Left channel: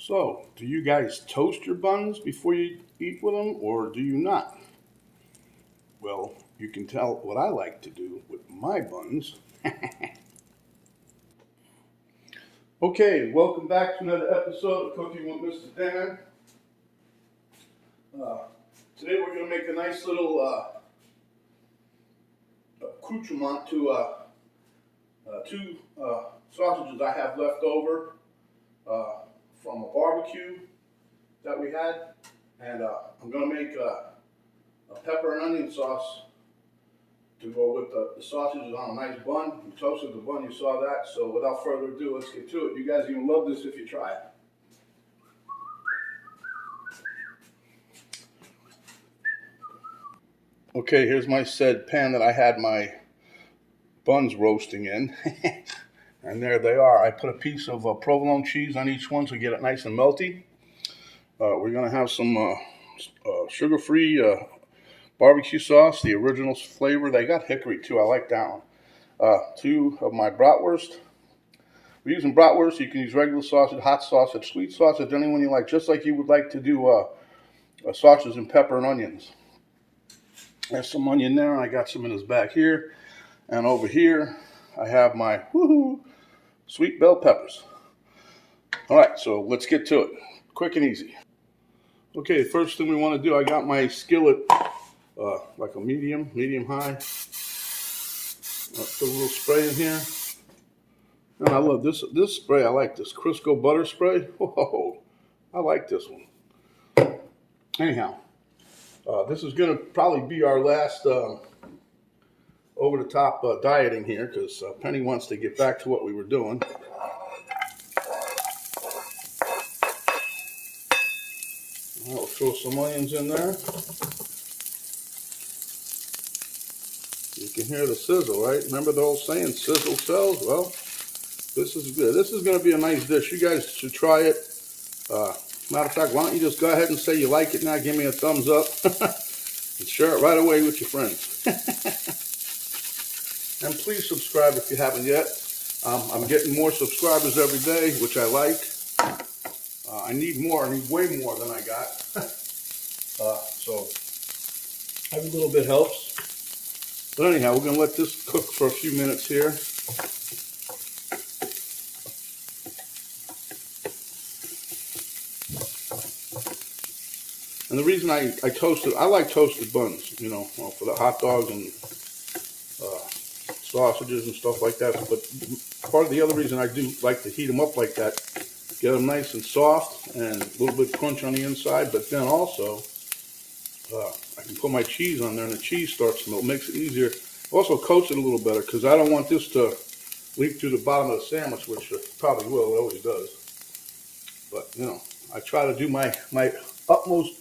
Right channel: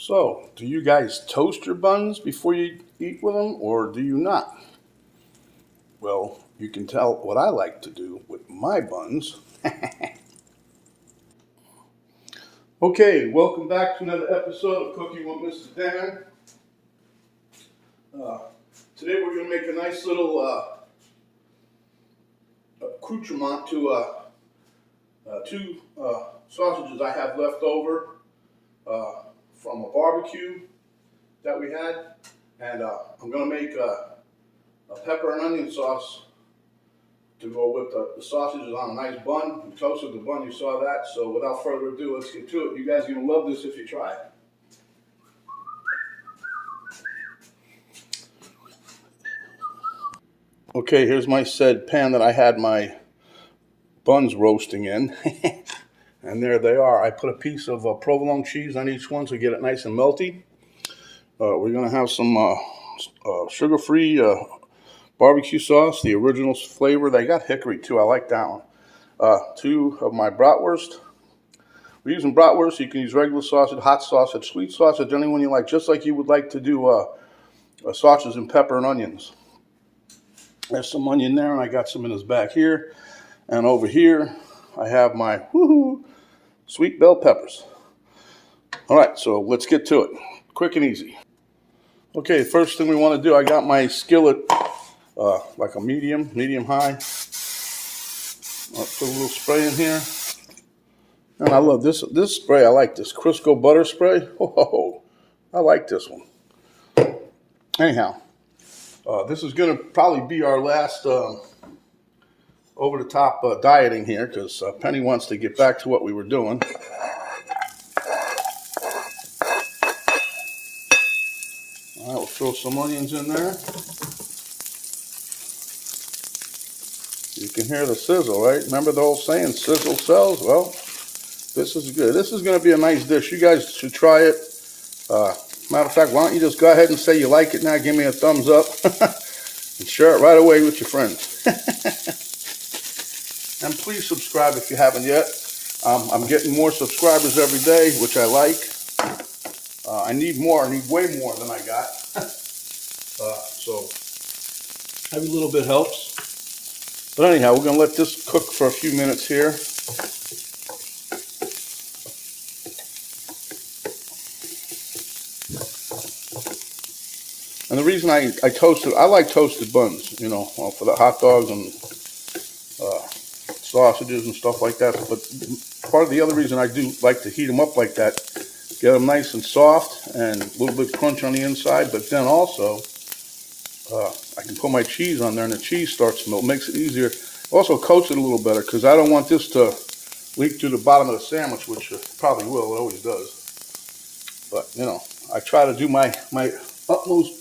So, do you guys toast your buns before you eat with them, or do you not? Well, you can tell what I like to do with my buns. Okay, welcome back to another episode of Cooking with Mr. Dan. Today we're going to make a nice little accoutrement to two sausages I have left over from a barbecue that we had. And I'm going to make a pepper and onion sauce to go with the sausages on a nice bun. We toasted the bun, you saw that. So without further ado, let's get to it. You guys are going to love this if you try it. Okay, here's my said pan that I had my buns roasting in. And there they are. I put a piece of provolone cheese on each one to get it nice and melty. We're going to have some sugar-free barbecue sauce, the original flavor. They got hickory too. I like that one. Two of my bratwurst. We're using bratwurst. You can use regular sausage, hot sausage, sweet sausage, anyone you like, just like you would like to do sausages and pepper and onions. There's some onion there, and I got some in this back here. And over here, I have my sweet bell peppers. All right, so let's get to it. Quick and easy. Okay, first thing we want to do, I got my skillet, like a medium high. I'll put a little spray in here. And I love this spray. I like this Crisco butter spray. Oh, I like this one. Anyhow, this is going to probably be our last over-the-top dieting here because Penny wants to get back to what we were doing. All right, we'll throw some onions in there. You can hear the sizzle, right? Remember the old saying, sizzle sells? Well, this is good. This is going to be a nice dish. You guys should try it. Matter of fact, why don't you just go ahead and say you like it now, give me a thumbs up, and share it right away with your friends. And please subscribe if you haven't yet. I'm getting more subscribers every day, which I like. I need more. I need way more than I got. So every little bit helps. But anyhow, we're going to let this cook for a few minutes here. And the reason I like toasted buns, you know, for the hot dogs and sausages and stuff like that. But part of the other reason I do like to heat them up like that, get them nice and soft and a little bit crunch on the inside. But then also, I can put my cheese on there and the cheese starts to melt. Makes it easier. Also coats it a little better because I don't want this to leak through the bottom of the sandwich, which it probably will. It always does. But, you know, I try to do my utmost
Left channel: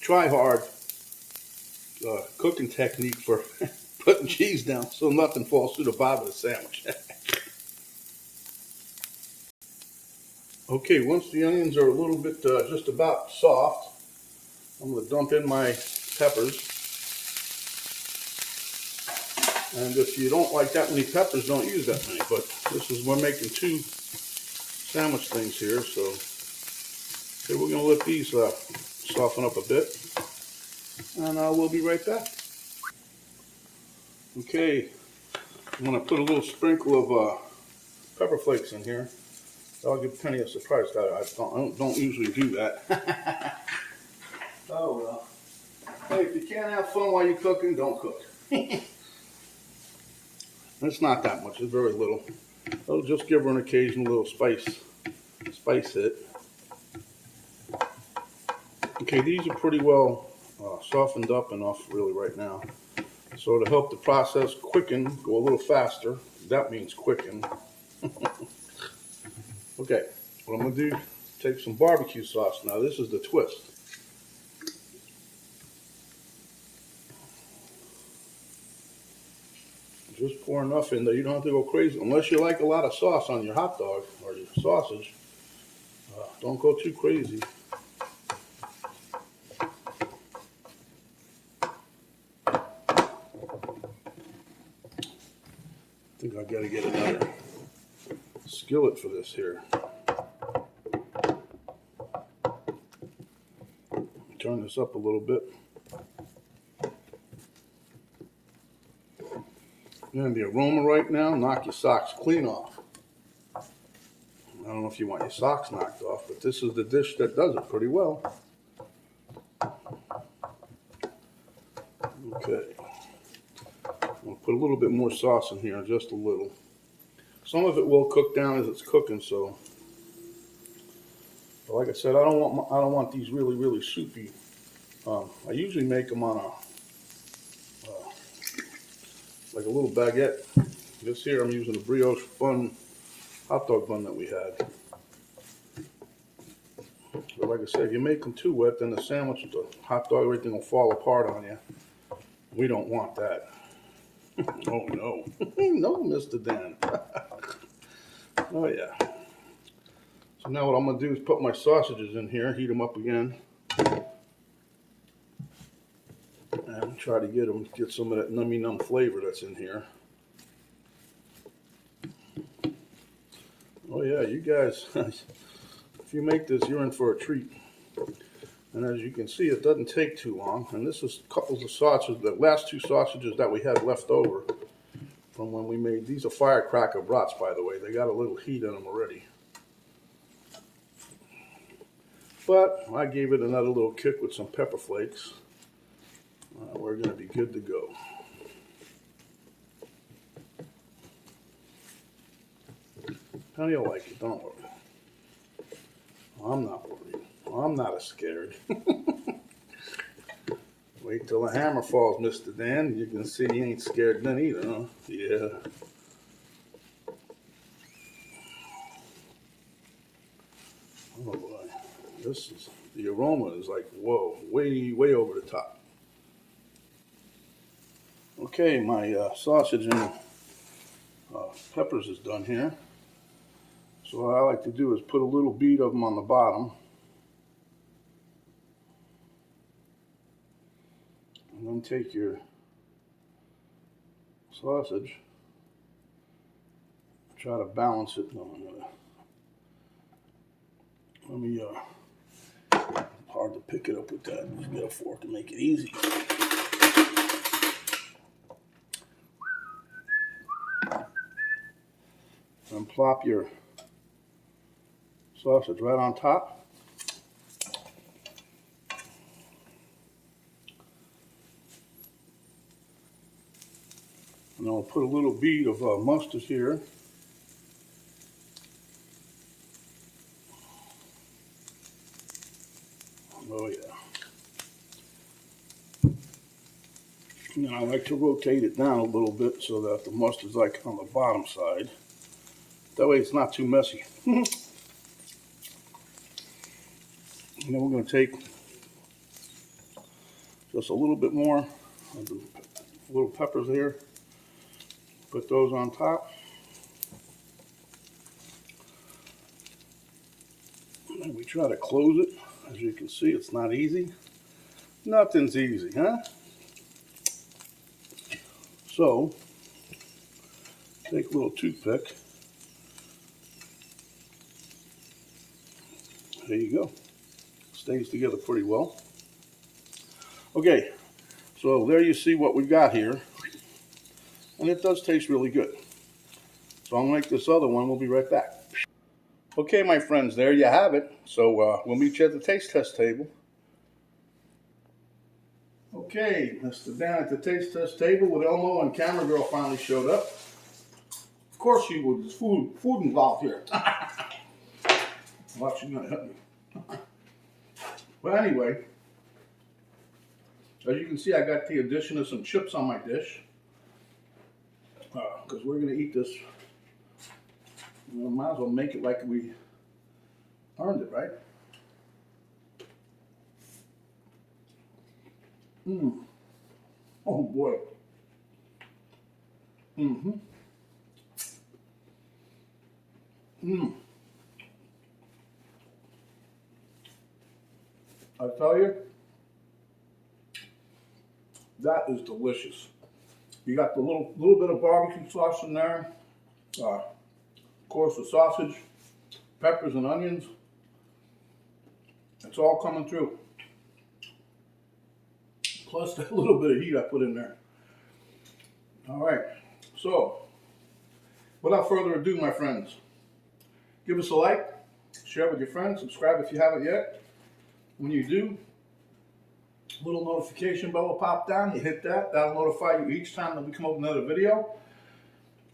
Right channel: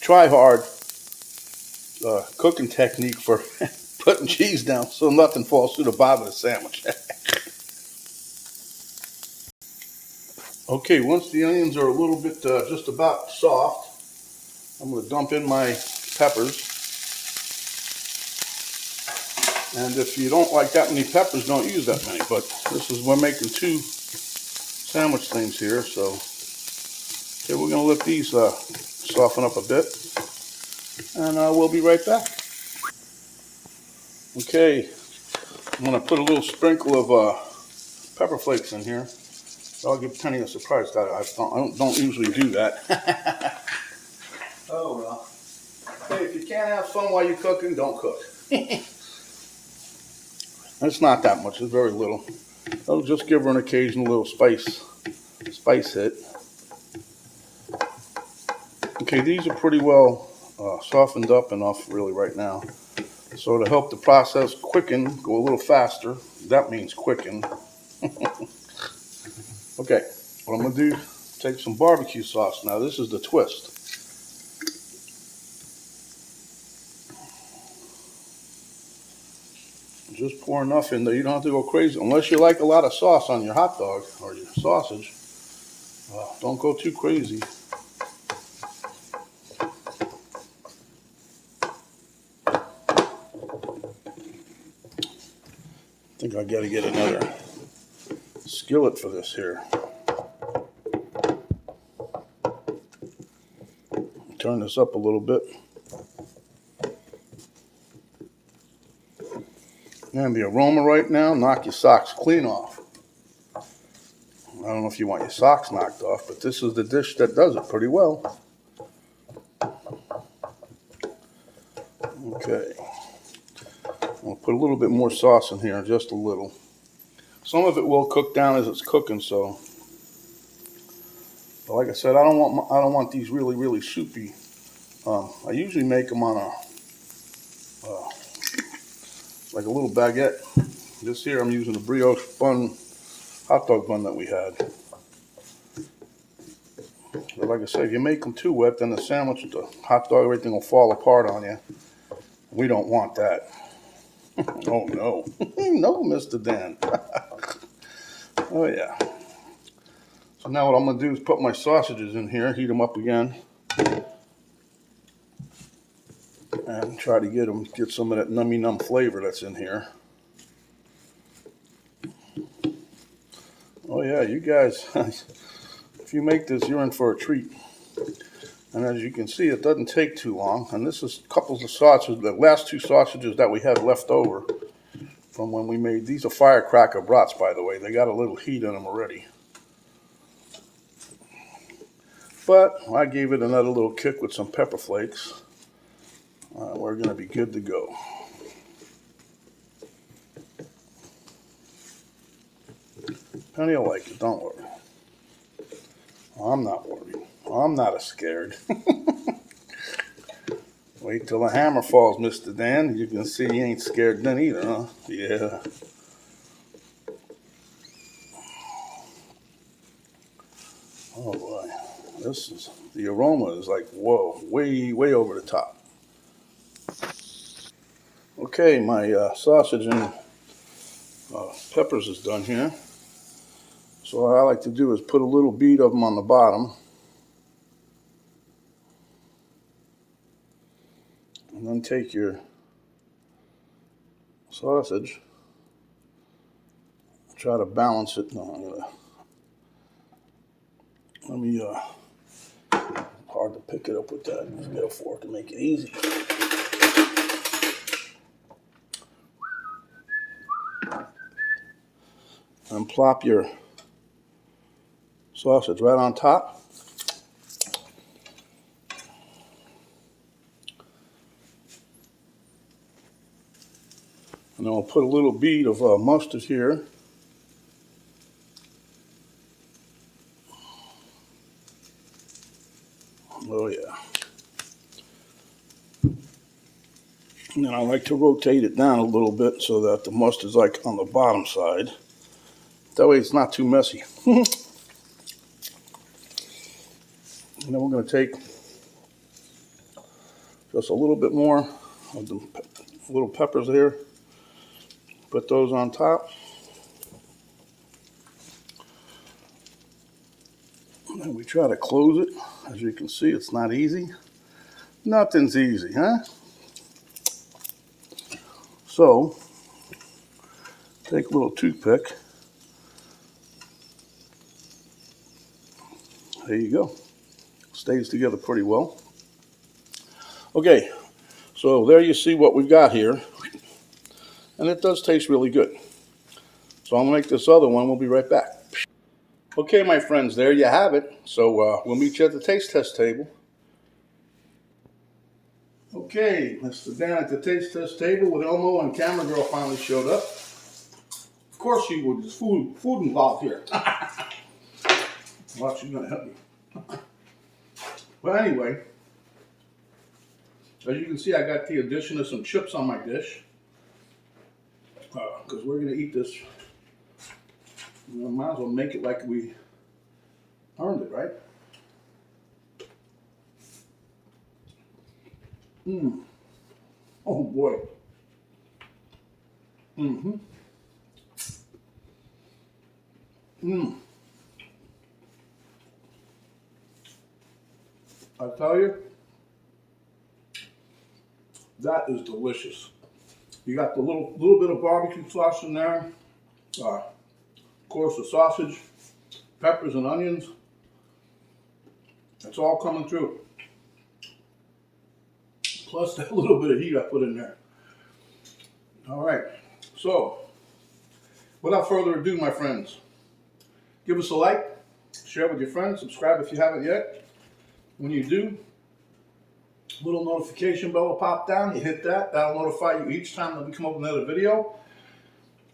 try hard cooking technique for putting cheese down so nothing falls through the bottom of the sandwich. Okay, once the onions are a little bit just about soft, I'm going to dump in my peppers. And if you don't like that many peppers, don't use that many. But we're making two sandwich things here, so okay, we're going to let these soften up a bit, and we'll be right back. Okay, I'm going to put a little sprinkle of pepper flakes in here. I'll give Penny a surprise. I don't usually do that. Oh well. Hey, if you can't have fun while you're cooking, don't cook. It's not that much. It's very little. I'll just give her an occasional little spice hit. Okay, these are pretty well softened up enough really right now. So to help the process quicken, go a little faster, that means quicken. Okay, what I'm going to do, take some barbecue sauce. Now this is the twist. Just pour enough in there. You don't have to go crazy. Unless you like a lot of sauce on your hot dog or your sausage, don't go too crazy. I think I got to get another skillet for this here. turn this up a little bit. And the aroma right now, knock your socks clean off. I don't know if you want your socks knocked off, but this is the dish that does it pretty well. Okay. We'll put a little bit more sauce in here, just a little. Some of it will cook down as it's cooking, so. But like I said, I don't want these really soupy. I usually make them on a like a little baguette. This here I'm using a brioche bun, hot dog bun that we had. But like I said, if you make them too wet, then the sandwich, the hot dog, everything will fall apart on you. We don't want that. Oh no, no, Mr. Dan. Oh yeah. So now what I'm gonna do is put my sausages in here, heat them up again, and try to get some of that nummy flavor that's in here. Oh yeah, you guys, if you make this, you're in for a treat. And as you can see, it doesn't take too long. And this is couples of sausages, the last two sausages that we had left over from when we made, these are firecracker brats, by the way. They got a little heat in them already. But I gave it another little kick with some pepper flakes. We're gonna be good to go. Penny will like it, don't worry. I'm not worried. I'm not scared. Wait till the hammer falls, Mr. Dan. You can see you ain't scared then either, huh? Yeah. Oh boy. The aroma is like, whoa, way over the top. Okay, my sausage and peppers is done here. So what I like to do is put a little bead of them on the bottom. And then take your sausage, try to balance it. No, let me, hard to pick it up with that. Just get a fork to make it easy. And plop your sausage right on top. And then I'll put a little bead of mustard here. Oh yeah. And then I like to rotate it down a little bit so that the mustard's like on the bottom side. That way it's not too messy. And then we're going to take just a little bit more of the little peppers here. Put those on top. And we try to close it. As you can see, it's not easy. Nothing's easy, huh? So, take a little toothpick. There you go. Stays together pretty well. Okay, so there you see what we've got here. And it does taste really good. So I'm gonna make this other one. We'll be right back. Okay, my friends, there you have it. So we'll meet you at the taste test table. Okay, Mr. Dan at the taste test table with Elmo, and camera girl finally showed up. Of course she would. There's food involved here. Well, she's gonna help me. But anyway, as you can see, I got the addition of some chips on my dish. Because we're going to eat this. We might as well make it like we earned it, right? Oh boy. I tell you, that is delicious. You got the little bit of barbecue sauce in there. Of course, the sausage, peppers and onions. It's all coming through. plus that little bit of heat I put in there. All right, so without further ado, my friends, give us a like, share with your friends, subscribe if you haven't yet. When you do, a little notification bell will pop down. You hit that, that'll notify you each time that we come up with another video.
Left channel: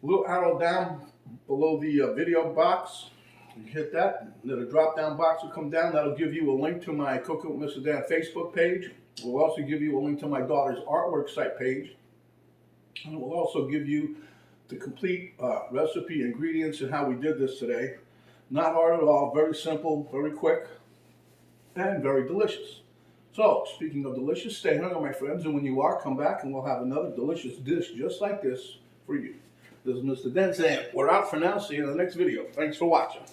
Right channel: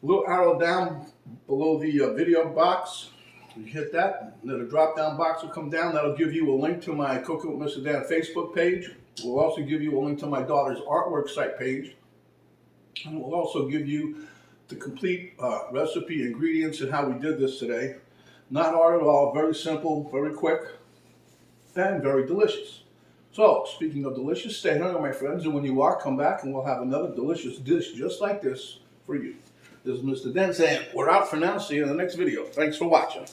A little arrow down below the video box, you hit that, and then a drop down box will come down. That'll give you a link to my Cooking with Mr. Dan Facebook page. It will also give you a link to my daughter's artwork site page. And it will also give you the complete recipe, ingredients, and how we did this today. Not hard at all, very simple, very quick, and very delicious. So, speaking of delicious, stay hungry, my friends, and when you are, come back and we'll have another delicious dish just like this for you. This is Mr. Dan saying, we're out for now. See you in the next video. Thanks for watching.